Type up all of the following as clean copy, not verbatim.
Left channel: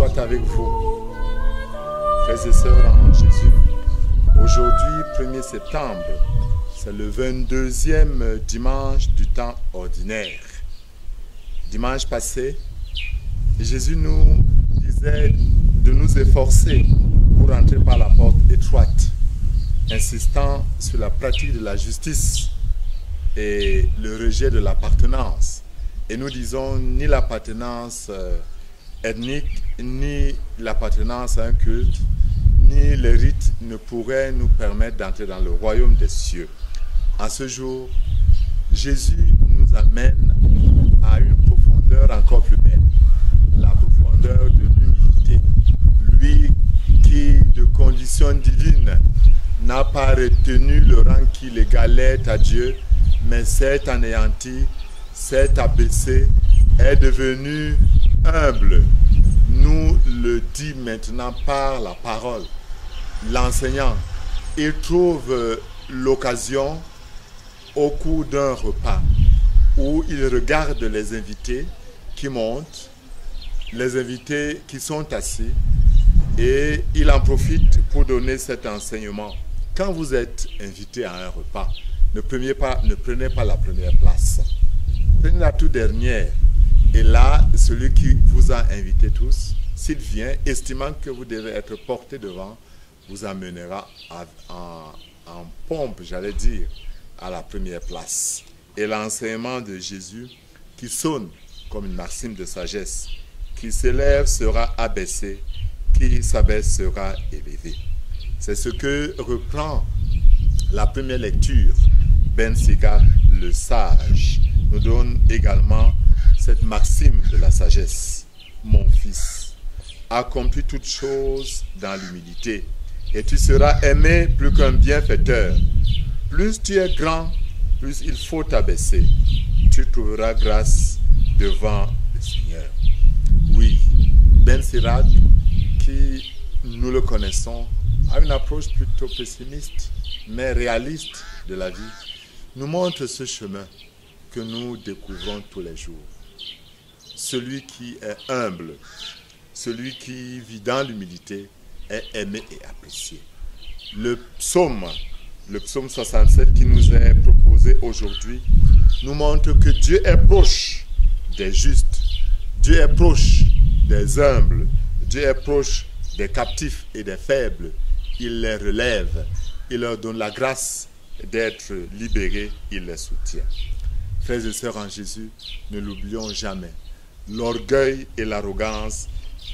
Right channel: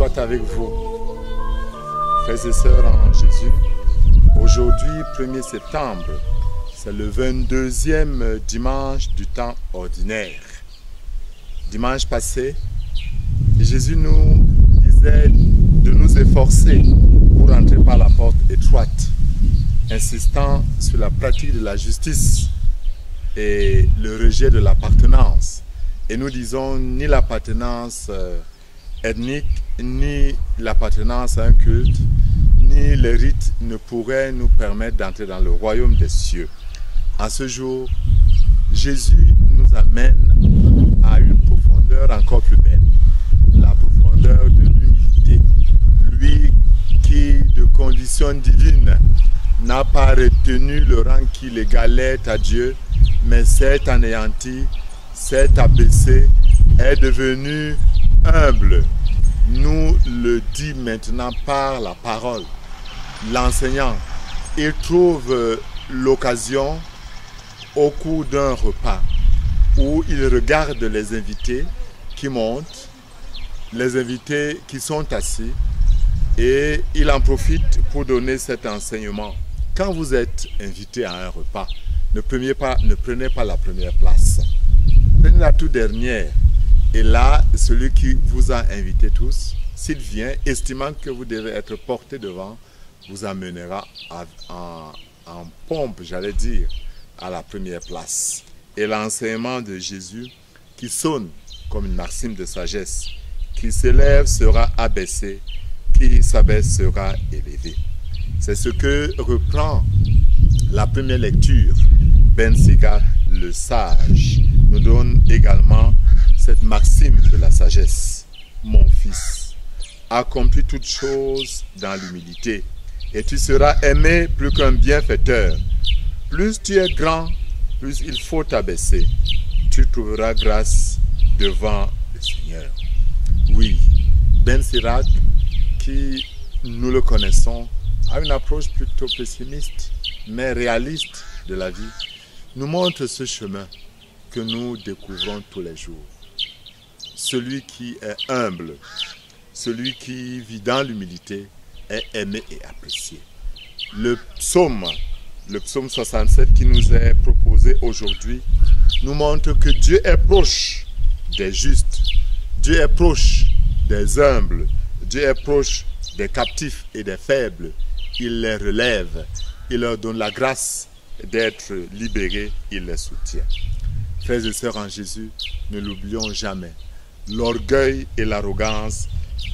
soit avec vous, frères et sœurs en Jésus. Aujourd'hui, 1er septembre, c'est le 22e dimanche du temps ordinaire. Dimanche passé, Jésus nous disait de nous efforcer pour entrer par la porte étroite, insistant sur la pratique de la justice et le rejet de l'appartenance. Et nous disons ni l'appartenance ethnique, ni l'appartenance à un culte, ni les rites ne pourraient nous permettre d'entrer dans le royaume des cieux. En ce jour, Jésus nous amène à une profondeur encore plus belle, la profondeur de l'humilité. Lui qui, de condition divine, n'a pas retenu le rang qui l'égalait à Dieu, mais s'est anéanti, s'est abaissé, est devenu humble, nous le dit maintenant par la parole. L'enseignant, il trouve l'occasion au cours d'un repas où il regarde les invités qui montent, les invités qui sont assis, et il en profite pour donner cet enseignement. Quand vous êtes invité à un repas, ne prenez pas la première place. Prenez la toute dernière. Et là, celui qui vous a invité tous, s'il vient, estimant que vous devez être porté devant, vous amènera en pompe, j'allais dire, à la première place. Et l'enseignement de Jésus, qui sonne comme une maxime de sagesse, qui s'élève sera abaissé, qui s'abaisse sera élevé. C'est ce que reprend la première lecture. Ben Sika, le sage, nous donne également cette maxime de la sagesse. Mon fils, accomplis toutes choses dans l'humilité, et tu seras aimé plus qu'un bienfaiteur. Plus tu es grand, plus il faut t'abaisser. Tu trouveras grâce devant le Seigneur. Oui, Ben Sirac, qui nous le connaissons, a une approche plutôt pessimiste, mais réaliste de la vie, nous montre ce chemin que nous découvrons tous les jours. Celui qui est humble, celui qui vit dans l'humilité, est aimé et apprécié. Le psaume 67 qui nous est proposé aujourd'hui, nous montre que Dieu est proche des justes, Dieu est proche des humbles, Dieu est proche des captifs et des faibles. Il les relève, il leur donne la grâce d'être libérés, il les soutient. Frères et sœurs en Jésus, ne l'oublions jamais. L'orgueil et l'arrogance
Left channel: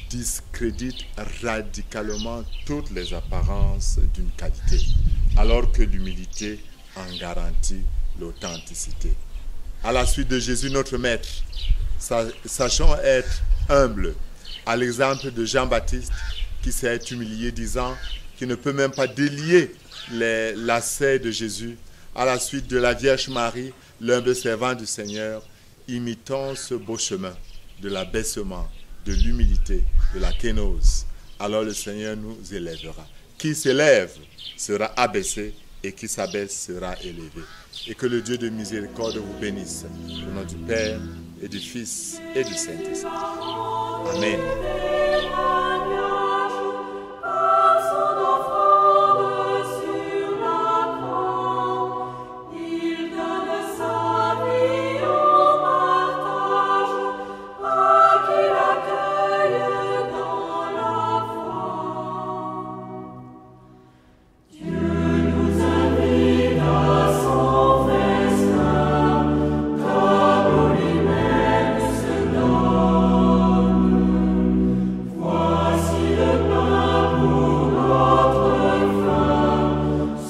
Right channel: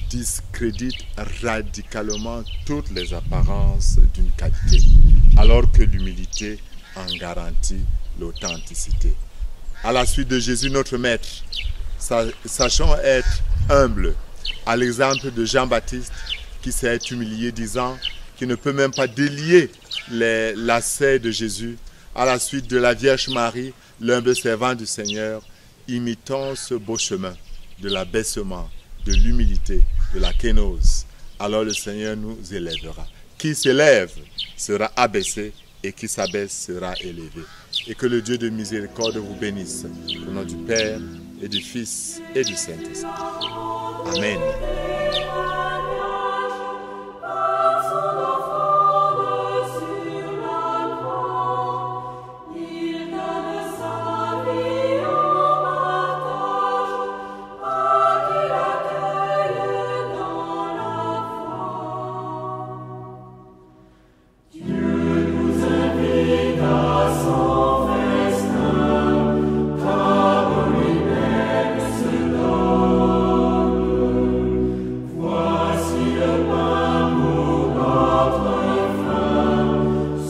discréditent radicalement toutes les apparences d'une qualité, alors que l'humilité en garantit l'authenticité. À la suite de Jésus, notre Maître, sachons être humbles, à l'exemple de Jean-Baptiste qui s'est humilié, disant qu'il ne peut même pas délier les lacets de Jésus. À la suite de la Vierge Marie, l'humble servant du Seigneur, imitons ce beau chemin de l'abaissement, de l'humilité, de la kénose. Alors le Seigneur nous élèvera. Qui s'élève sera abaissé et qui s'abaisse sera élevé. Et que le Dieu de miséricorde vous bénisse. Au nom du Père et du Fils et du Saint-Esprit. Amen.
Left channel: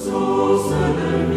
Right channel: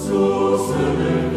Source de